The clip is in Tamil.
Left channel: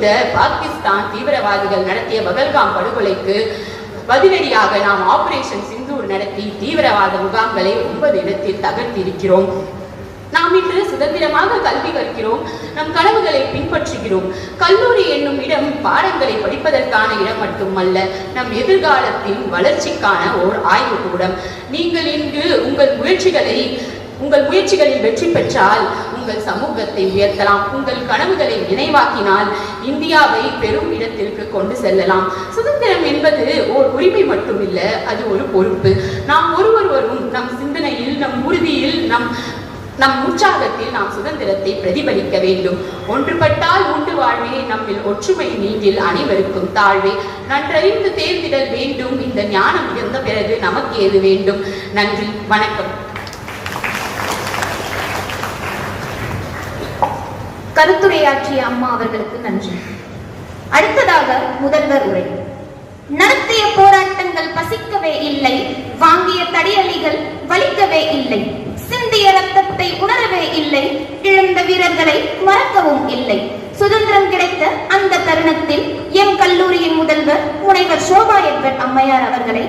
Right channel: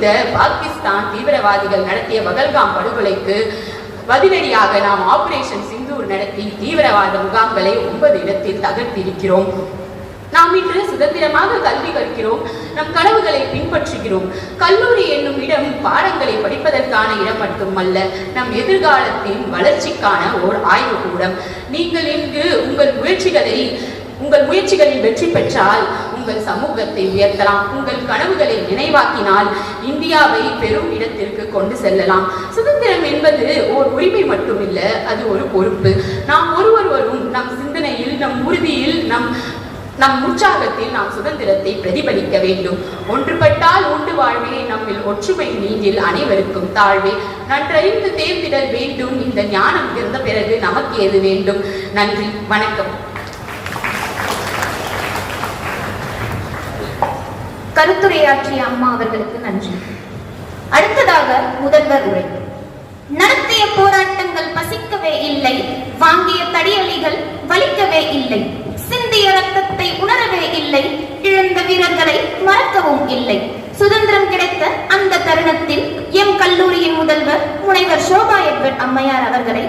கொடுத்த பாகிஸ்தான் தீவிரவாதிகள் நடத்திய பகல்காம் படுகொலைக்கு பதிலடியாக நாம் ஆபரேஷன் சிந்தூர் நடத்தி தீவிரவாத முகாம்களை 9 இடத்தில் தகர்த்திருக்கிறோம். நாம் இன்று சுதந்திரமாக கல்வி கற்கிறோம், நம் கனவுகளை பின்பற்றுகிறோம். கல்லூரி என்னும் இடம் பாடங்களை படிப்பதற்கான இடம் மட்டுமல்ல, நம் எதிர்காலத்தின் வளர்ச்சிக்கான ஓர் ஆய்வுக்கூடம். நீங்கள் இங்கு உங்கள் முயற்சிகளில் வெற்றி பெற்றால் உங்கள் சமூகத்தை உயர்த்தலாம். உங்கள் கனவுகளை நினைவாக்கினால் இந்தியாவை பெரும் இடத்திற்கு கொண்டு செல்லலாம். சுதந்திரம் என்பது ஓர் உரிமை மட்டுமில்ல, அது ஒரு பொறுப்பு. நாம் ஒருவரும் நம் சிந்தனையில், நம் உறுதியில், நம் உற்சாகத்தில் நாம் சுதந்திரத்தை பிரதிபலிக்க வேண்டும். ஒன்றுபட்டால் உண்டு வாழ்வே, நம்மில் ஒற்றுமை நீங்கில் அனைவருக்கும் தாழ்வே. நன்றறிந்து தேர்ந்திடல் வேண்டும், இந்த ஞானம் இருந்த பிறகு நமக்கு ஏது வேண்டும். நன்றி, வணக்கம். கருத்துரையாற்றிய அம்மா அவர்களுக்கு நன்றி. அடுத்ததாக முதல்வர் உரை. நடத்திய போராட்டங்கள் பசிக்கவே இல்லை, வாங்கிய தடியலிகள் வலிக்கவே இல்லை, சிந்திய ரத்தத்தை உணரவே இல்லை, இழந்த வீரர்களை மறக்கவும் இல்லை. சுதந்திரம் கிடைத்த அந்த தருணத்தில் எம் கல்லூரியின் முதல்வர் முனைவர் சோபா எட்வர்ட் அம்மையார் அவர்களை